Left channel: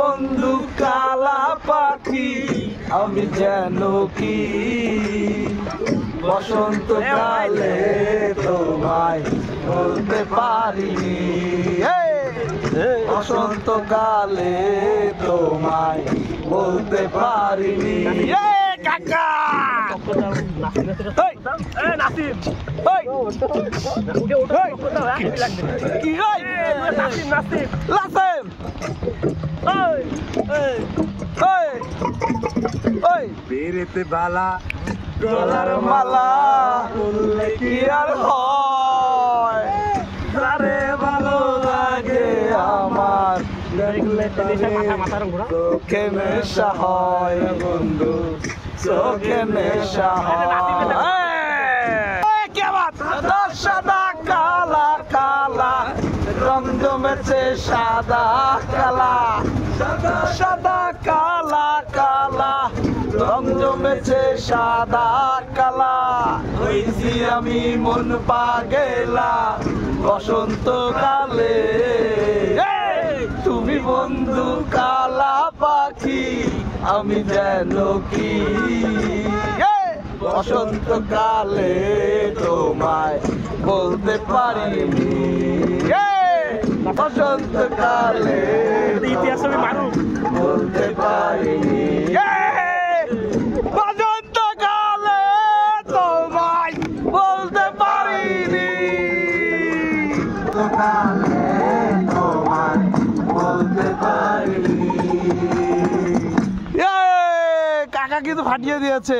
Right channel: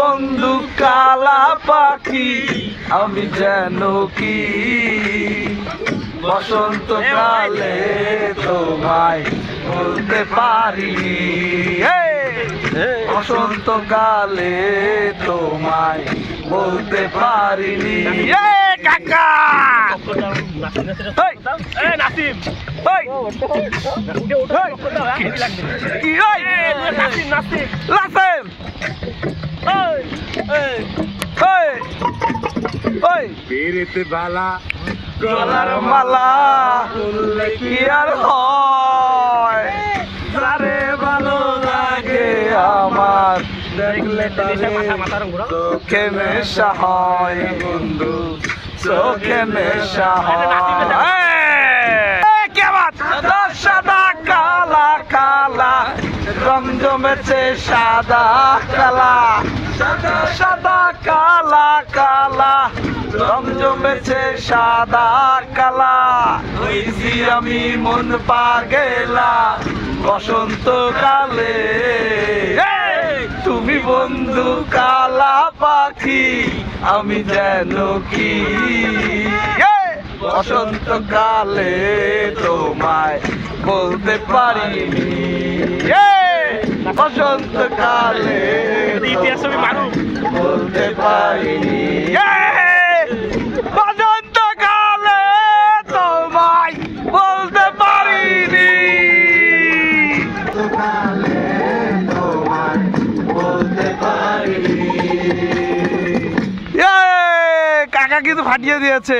বন্ধু কালা পাখি আমি যেন কি বসন্তকালে তোমায় বলতে পারিনি বসন্তকালে তোমায় বলতে পারিনি কাকা নাসিম পেরেতে বালা গলার মালা বললে কি আর হয় যারে ভালো লাগে আমার দেখলে চোখে নেশা হয় বন্ধু চোখে নেশা হয় সাদা কালা কালা রং জমেছে সাদা কালা সাদা সাদা কালা কালা রং জমেছে সাদা কালা হইছি আমি মন পাগেলা বসন্তকালে তুমি বন্ধু কালা পাখি আমি যেন কি বসন্তকালে তোমায় বলতে পারিনি বসন্তকালে ইতিহাস আমি মানু বলতে পারিনি বসন্তকালে তোমায় বলতে পারিনি তোমায় বলতে পারিনি কাকা কিন্তু ফাটিয়ে দিয়েছে